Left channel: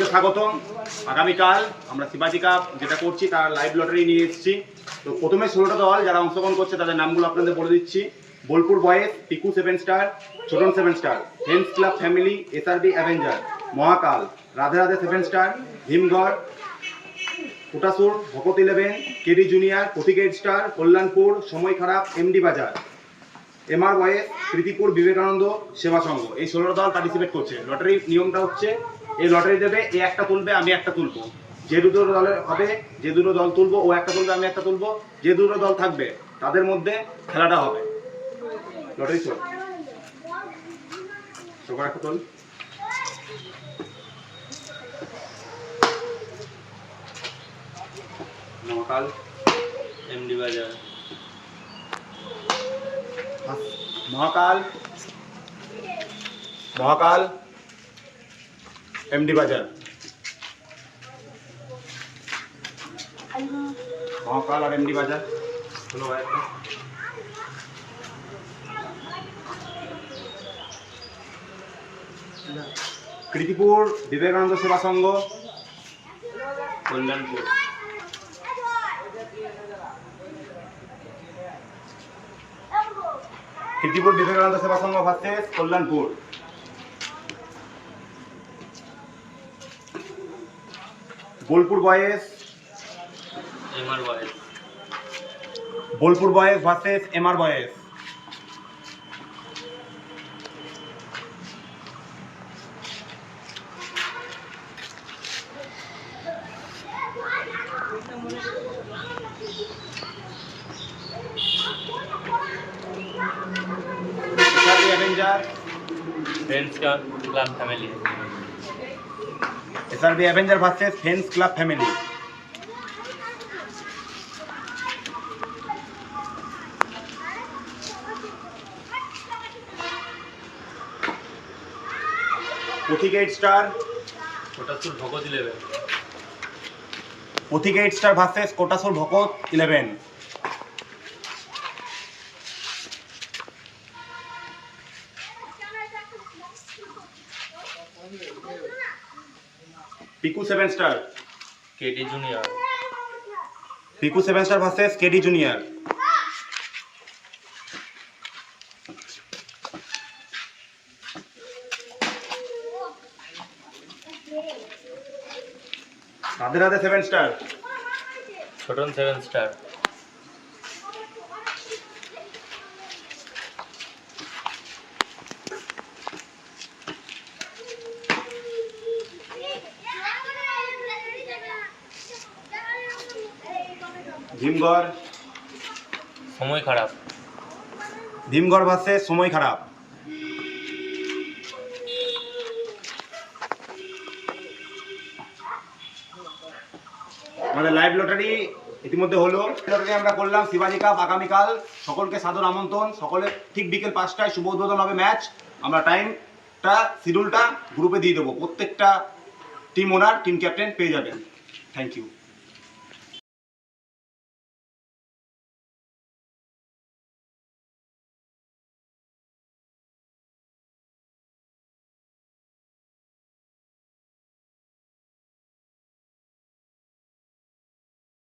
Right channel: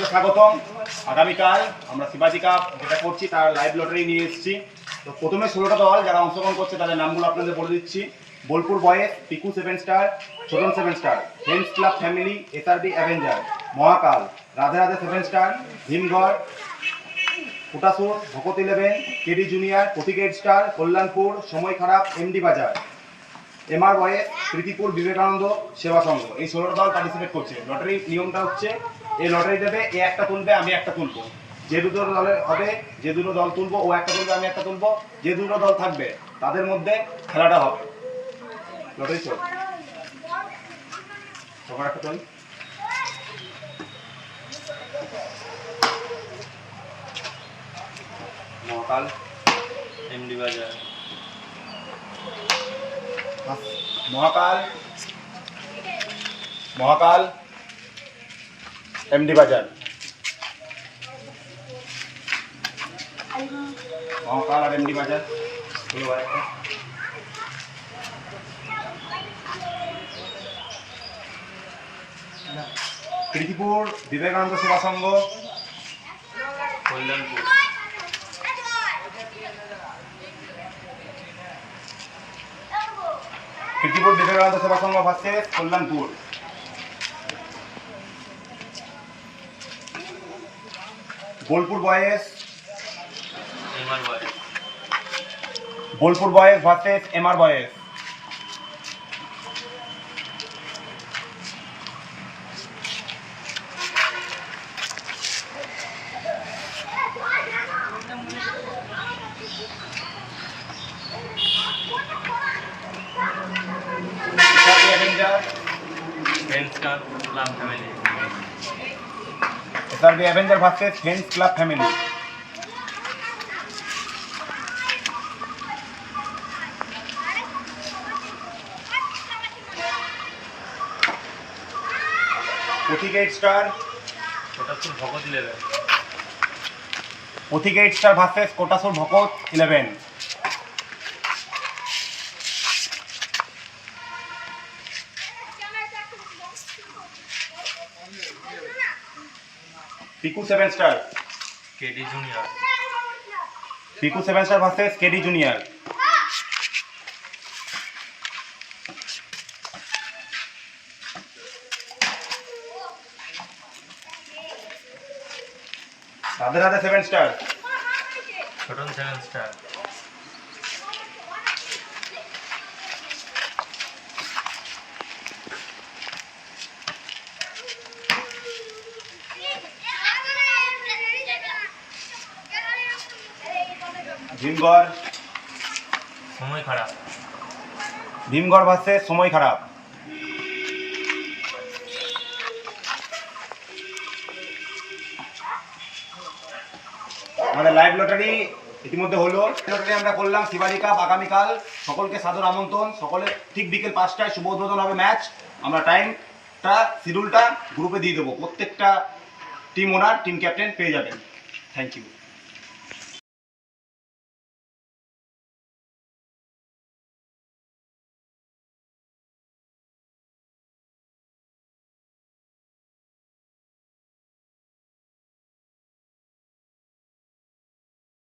সকলকে স্বাগতম। আগামীকাল আমরা শিবাজি কাপ যেটা করছি তার লাইভ লটারি নিয়ে এসেছি। তো প্রথমে 16টা দল যারা অংশগ্রহণ করছে তাদের নামগুলো আপনাদের বলে দিচ্ছি। Bolpur boys, Piku 7 star, Chhotan 7 star, friends club family, SRB avenger, Mahakal, Radhe Radhe 7 star, Bhimgarh, Kotasur, Bhakat 11, KD junior, Pratik 8 star, Kalyanpur, Samay Kharap, এমডি বাজার, এমআর বয়েজ, প্রীতিপুর বিবেকানন্দ সেবা সংঘ। এই 16টা দল পার্টিসিপেট করছে। লটারির নিয়মটা হচ্ছে এই লটারি দেবে, এ একটা তুলবে, আমি একটা তুলবো। যে দুটো দলের হবে, যে দুটো দল তুলবো, ও একটা তুলবে, আমি একটা তুলবো। যে দুটো দল থাকবে তাদের মধ্যে খেলাটা হবে। লটারি চল, সবার একটা তোল। মহাকাল, এমডি বাজার, মহাকাল, মহাকাল, এমডি বাজার, মহাকাল আর এমডি বাজার। হলো আরেকটা প্রীতিপুর বিবেকানন্দ সেবা সংঘ, কল্যাণপুর, Pritipur Vivekananda Seva Sangha versus Kalyanpur. Bolpur boys, MR boys, Bolpur boys versus MR boys. SRB avenger, friends club family, SRB avenger versus friends club family. Pratik 8 star, Kotasur Bhakat 11, Pratik 8 star versus Kotasur Bhakat 11। Piku 7 star, KD junior, Piku 7 star versus KD junior. Radhe Radhe 7 star, Chhotan 7 star, Bhimgarh, Samay Kharap, Bhimgarh ভার্সেস সময় খারাপ। আমাদের live lottery ইতিমধ্যে হলো। লটারি আমরা করলাম শিবাজি কাপ আগামীকাল। সকলকে সাদর আমন্ত্রণ। সকলে ঠিক বিকেল 5টায় শুভ উদ্বোধন হবে ম্যাচ। আমরা টাইমটা শিডিউলটা গ্রুপে দিয়ে দেবো। প্রত্যেকটা টিম ওনার টিম ক্যাপ্টেন পেয়ে যাবেন। Thank you.